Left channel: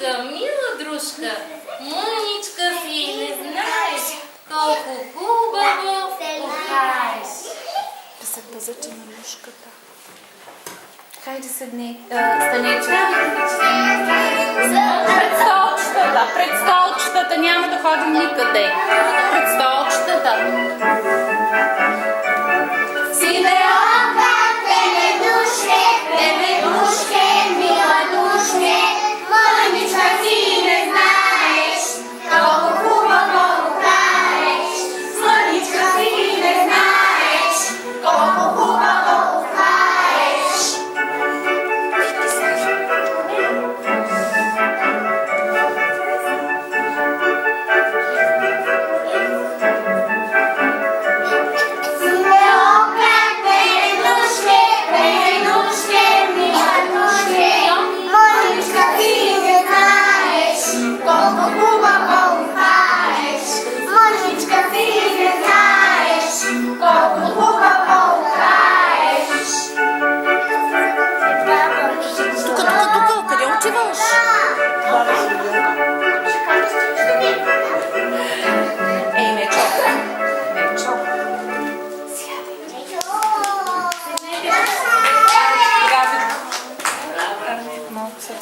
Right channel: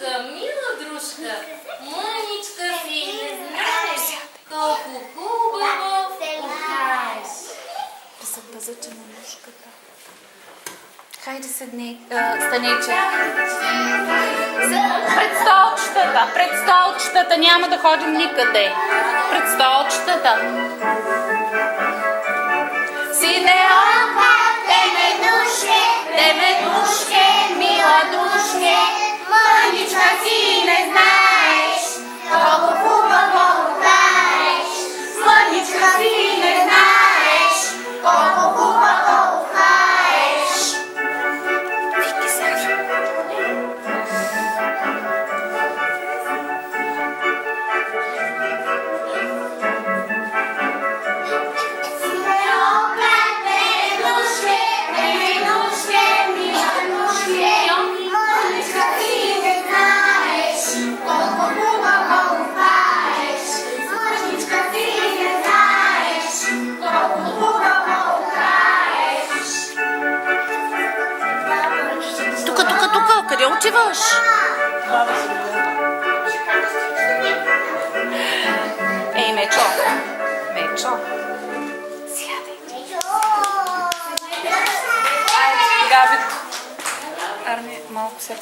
дружка, мила дружка, мъничка си, не знаеш колко хубаво кохаеш. Песента заче на мушката. Хайде седни, Станиче. Пред столчетата, няма да ходим никъде. Пред столчетата. Сивеока, те ме душке, мила душке, мъничка си не знаеш, колко хубаво кохаеш. Мъничка си не знаеш, колко хубаво кохаеш. Сивеока, те ме душке, мила душке, мъничка си не знаеш, колко хубаво кохаеш. Мъничка си не знаеш, колко хубаво кохаеш. Тук, къде отиваш? Баба си гледа. Ей, Мечо. Мечо. Сядай. Малко се